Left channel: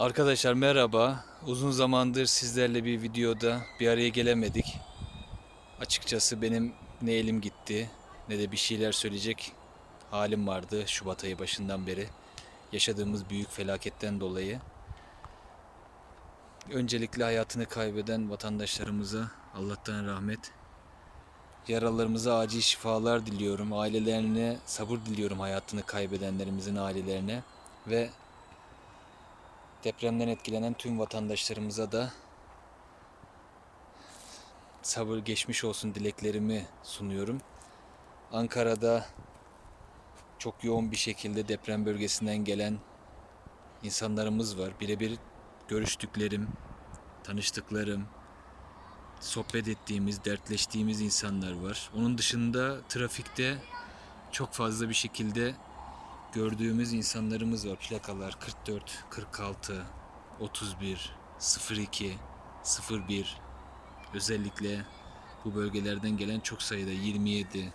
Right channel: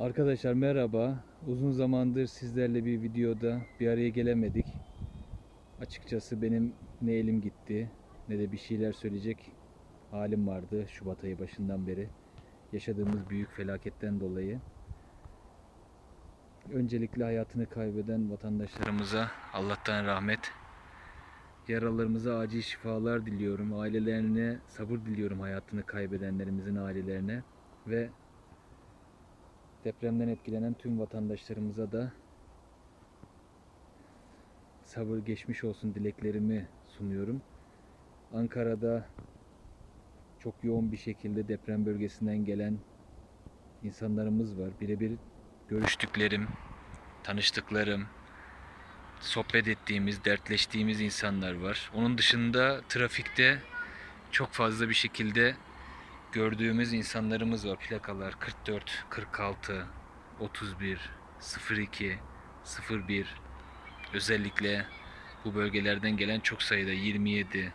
Arkadaşlar merhaba. Uzun zamandır sizlerle bir videoda bir araya gelemedik. Açıkçası benim ne elim gitti ne de bir şeyler söyleyecek halim vardı Şubat ayı başından beri. Yaşadığımız büyük felaketten dolayı. Öncelikle hayatını kaybeden vatandaşlarımıza Allah'tan rahmet. Yaralarımıza acil şifalar diliyorum. Ailelerine sabır diliyorum hayatını kaybedenlerimizin ailelerine ve Depremden etkilenen tüm vatandaşlarımıza da sabır geçmiş olsun dileklerimi sunuyorum. Ankara'da çok yoğun bir şekilde deprem bölgesinden gelen insanlarımız var. Birebir görüştüklerim, tanıştıklarım, sohbet ettiğimiz, dertleştiğimiz insanlar var. Onun dışında trafikte çok fazla bir şekilde gördüğümüz insanlarımız var. Plakalar 44, 46, 31, 02, 01. Özellikle bu bölgelerden gelen çok sayıda 27.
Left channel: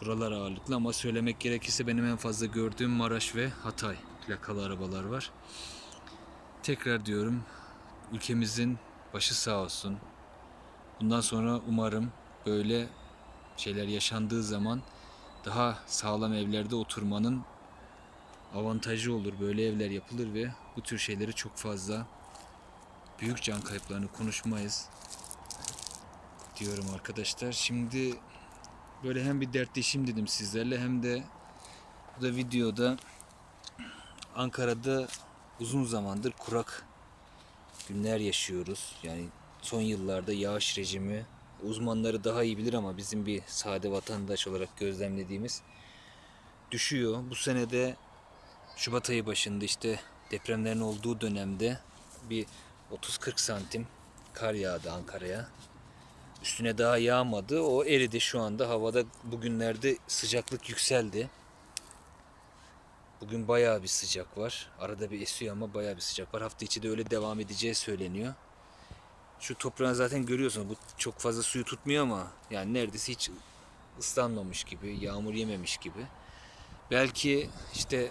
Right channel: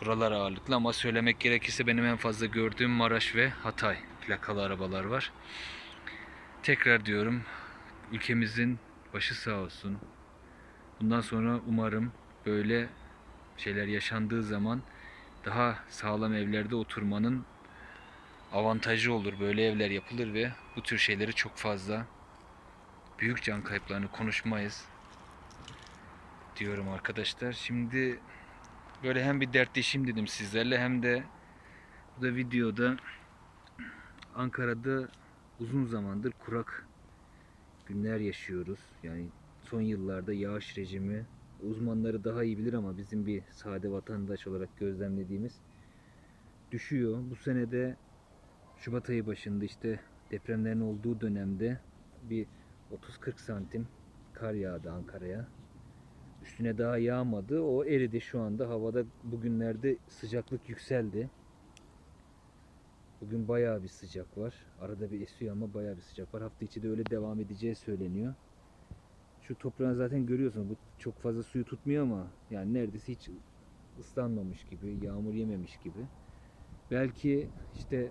Buralar ağırlıklı ama söylemek gerekirse benim en fazla gördüğüm Maraş ve Hatay plakalı arabalar var. Tekrar diyorum ülkemizin başı sağ olsun. Bundan sonra umarım böyle şeyler yaşandığı zaman daha sağlam evlerde oturmanın avantajı olur. Böyle evler yapılır ve bu tür şeyleri çok fazla büyük can kayıplarını konuşmayız diyorum arkadaşlar. Şimdi böyle hem bir dertleşeyim dedim sizlerle hem de bu da videoda Ankara'da uzun zamandır kurak günler yaşıyoruz. Yani son yıllarda yağış rejimi uzmanları daha iyi bilir ama bizim bir sade vatandaş olarak gözlemlediğimiz düşüyor. Bu senede Şubat ayı başında işte depremlerin olduğu dönemde bir 30-40 santim kar yağdı Ankara'ya. Üstüne daha yağmadı. O eridi şu anda. Havada bugünlerde sıcaklık yükseldi. Bugün bayağı bir sıcak var. Arada bir esiyor ama bayağı bir sıcak var. Hafta içi de öyle devam edeceği söyleniyor. Şu toprağın zaten görüyorsunuz bu çok fazla suyu tutmuyor ama yani neredeyse hiç ıslanmamış gibi, yağmur yememiş gibi. Belki işte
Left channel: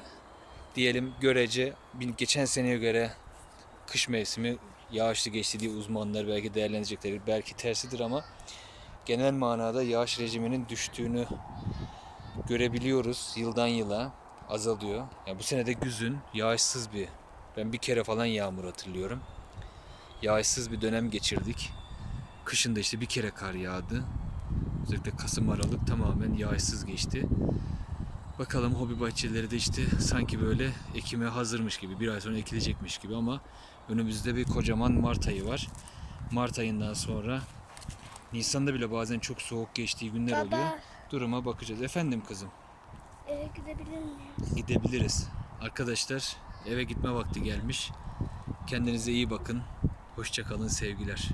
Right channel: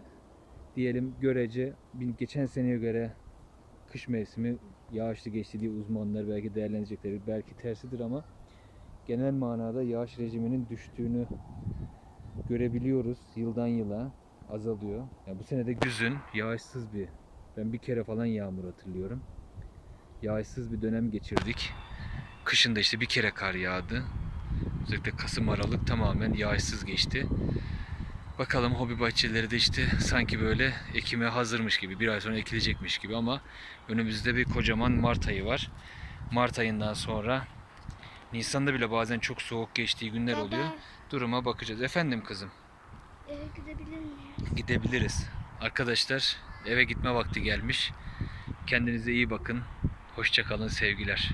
diyelim görece geçen seneye göre kış mevsimi yağışlı geçti diye uzmanlar belki değerlendirecekler. Belki tersidir ama genel manada yağış rejiminin düştüğünü görebiliyoruz yıldan yıla azalıyor. Yani bu sene de güzün yağışsız bir ben bir kere falan yağmur hatırlıyorum yağışsız bir dönem geçirdik. Kışın da işte bir kere kar yağdı. Özellikle Kasım Aralık tamamen yağışsız geçti. Bakalım hobi bahçeleri de işte sanki böyle ekime hazırmış gibi, bir ay sonra ekilecekmiş gibi ama önümüzde bir kocaman Mart ayı var. Mart ayından sonra Nisan'da bile bazen çok soğuk geçtiği günler Baba. oluyor. Duruma bakacağız. Efendim kızım, Eve gidebilir miyiz? gidebiliriz. Arkadaşlar eve gitme vakti gelmiş. Kendinize iyi bakın. Hoşçakalın sevgiler.